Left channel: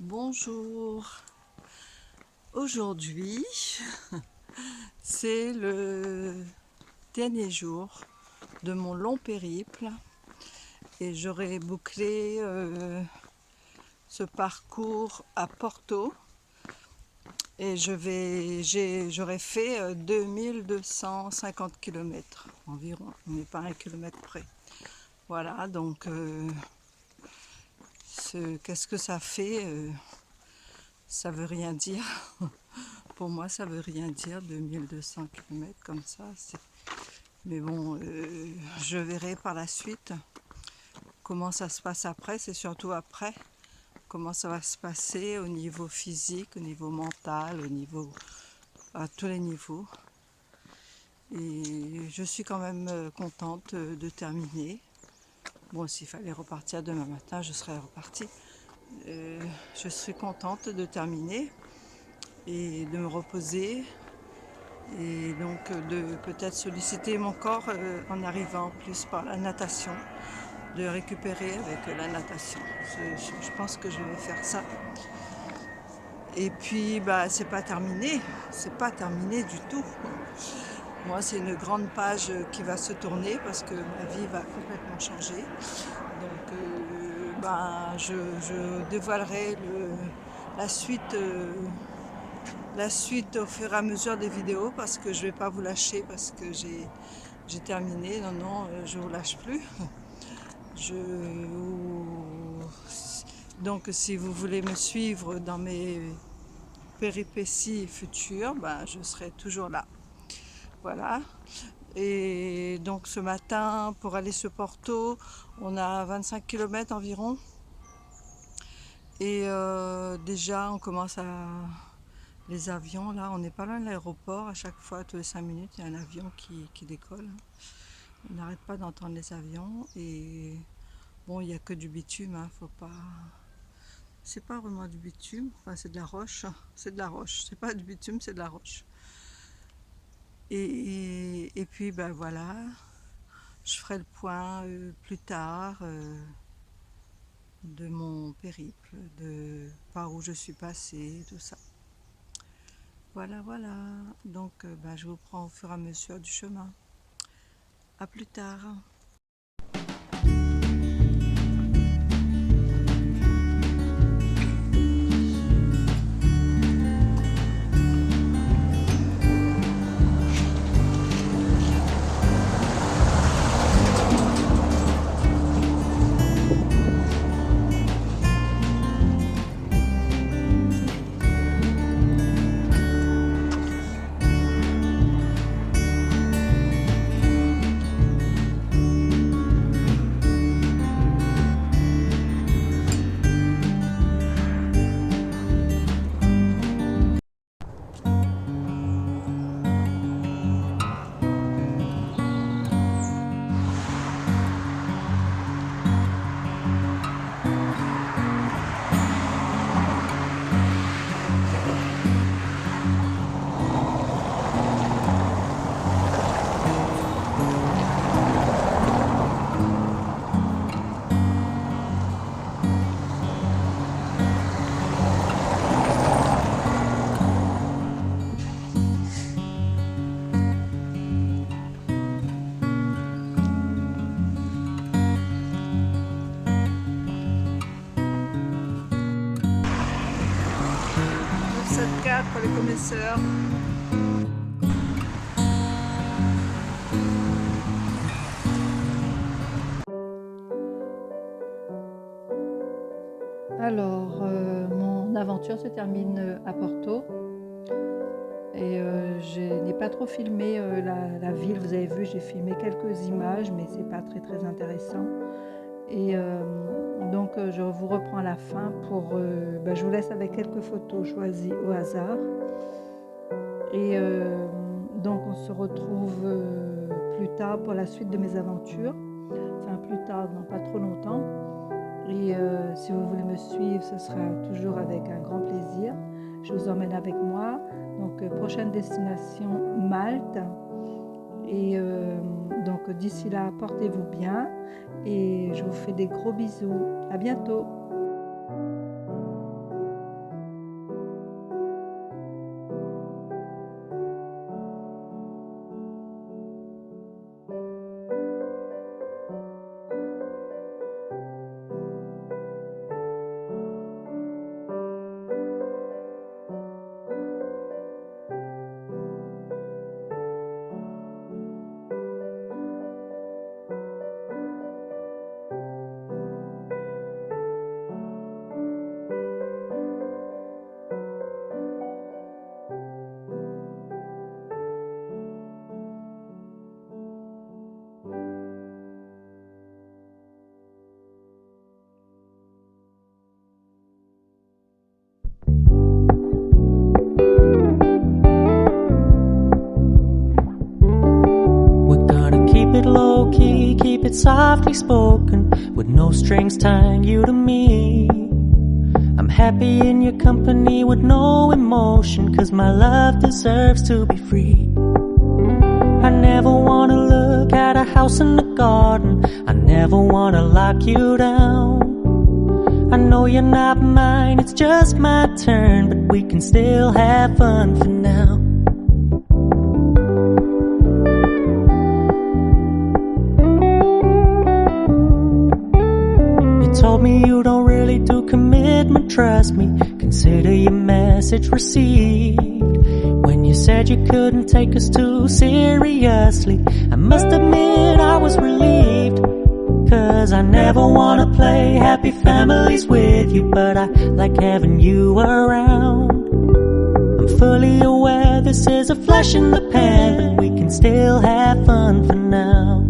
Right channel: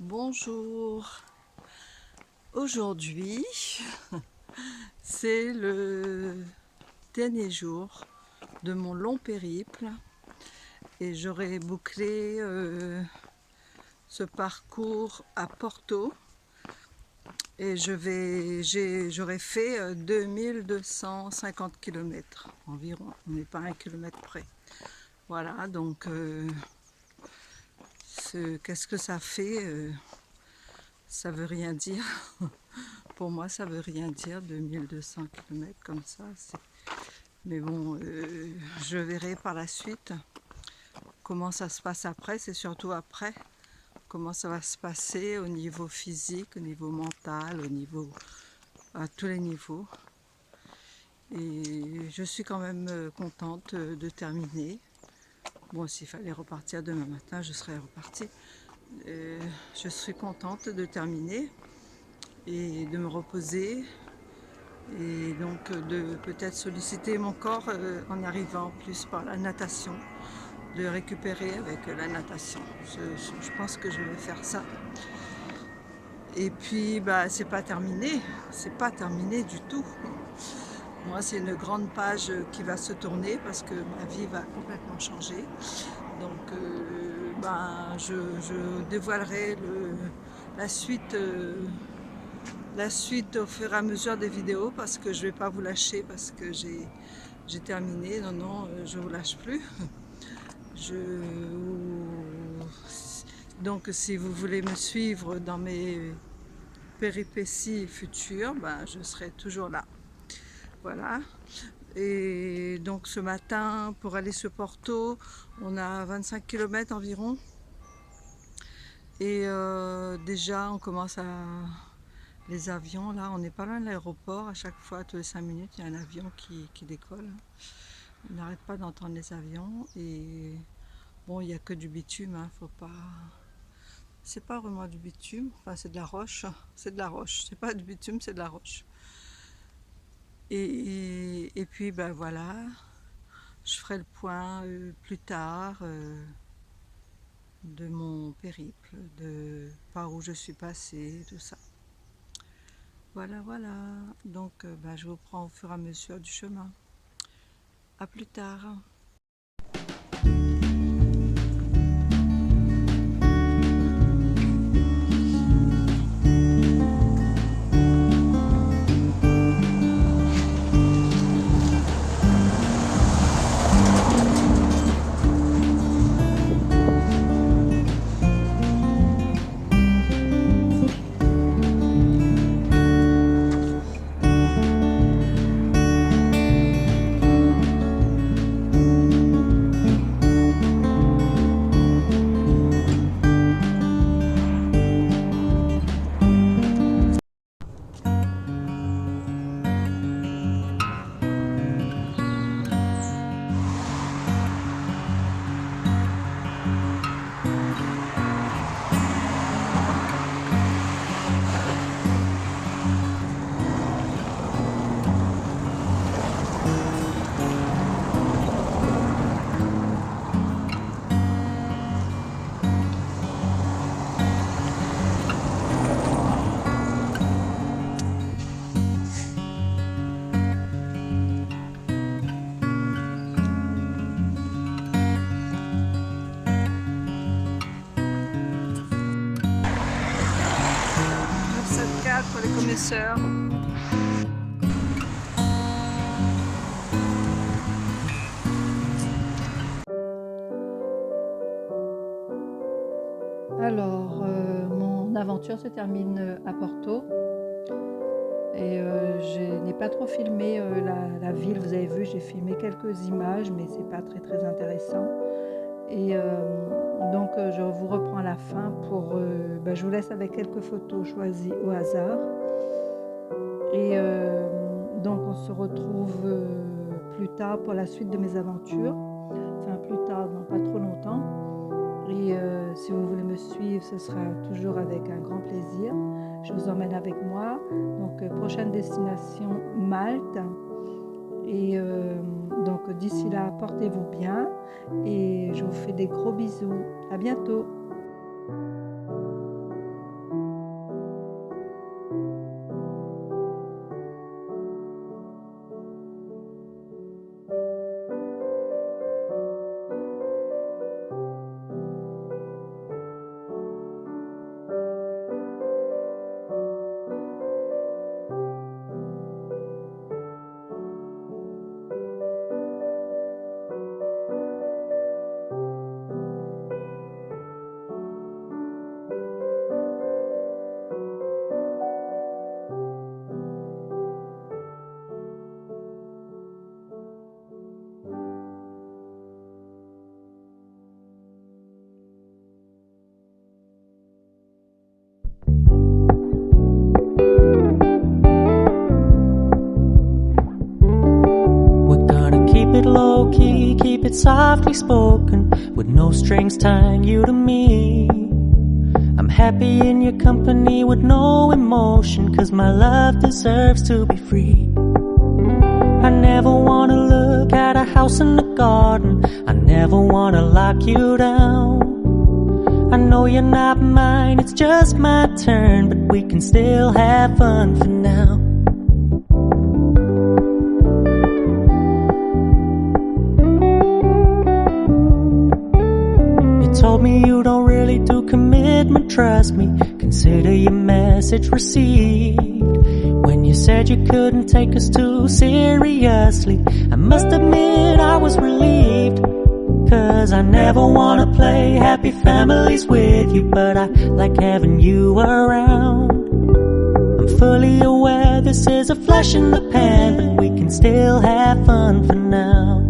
Bonjour, aujourd'hui c'est le dernier jour de mon long périple et j'aurai bouclé ce parcours à Porto et j'aurai fait 2250 km environ, on n'est pas à 1 kilomètre près. Voilà, donc qu'est-ce que ça fait ça veut rien dire. Pour moi, ça veut rien dire, 2200 km comme ça. Mais bon, je verrai par la suite comment ça se passe après. C'est surtout après comment ça va se passer au niveau physique, au niveau mental, à tous les niveaux. Et je suis quand même contente de terminer. Bon, s'il fallait repartir demain matin, je serais repartie. Je suis contente de terminer et de me reposer. Et donc de peut-être solliciter mon corps en arrivant plus par la natation, de récupérer avec la natation. Je pense que je vais faire ça. Et puis bah c'est pas terminé du tout. Moi c'est une grande page qui va se tourner parce que ma vie va complètement changer. Donc je dévoilerai la suite. La suite au fur et à mesure des vidéos parce que je vais pas vous lâcher parce que j'ai terminé. Non, je vous lâche plus. Donc si vous voulez me suivre dans mes péripéties futures, ben, je serai toujours là. Voilà. Et donc ce matin, pour aller sur Porto, on a 25 km environ. Et déjà, on commence à... Les avions, là, on n'est pas loin de l'aéroport. À chaque fois, tous les 5 minutes, il y a un avion qui décolle. On n'arrête pas d'entendre les avions. Et bon, il n'y a que du bitume, hein, faut pas... C'est pas vraiment du bitume, enfin c'est de la roche. C'est de la roche, c'est pas du bitume, c'est de la roche. Et puis, ben voilà, je ferai le point plus tard de mon périple, de par où je suis passée, tout ça. Voilà, voilà. Donc, je vous prends au fur et à mesure du chemin. À plus tard. « 974 pour les connaisseurs. Alors, mon aventure se termine à Porto. Et je n'ai pas trop filmé la ville, vous avez vu, j'ai filmé quelques images, mais c'est pas très intéressant. Et donc je vous reprends à la fin pour... je vous laisse avec quelques photos choisies au hasard. Et donc on se retrouve plus tard pour la suite de mes aventures. Enfin plus tard, non pas trop longtemps. Et si vous voulez me suivre, ce sera toujours avec un grand plaisir. Je vous emmène avec moi. Donc prochaine destination, Malte. Et donc d'ici là, portez-vous bien. Et je vous fais des gros bisous. À bientôt. it's softly spoken, with no strings tying you to me. I'm happy in your company with no emotion, 'cause my love deserves to be free. I never wanna look at a house in the garden, I never wanna lock you down. I know you're not mine, it's just my turn, but we can still have fun for now. You told me you don't really do commitment, trust me, consider your message received. When you said you couldn't take us too seriously, I must admit I was relieved. 'Cause I never wanna play happy families with you, but I like having you around. I'm fully aware this is a flash in the pan, but we can still have fun for now.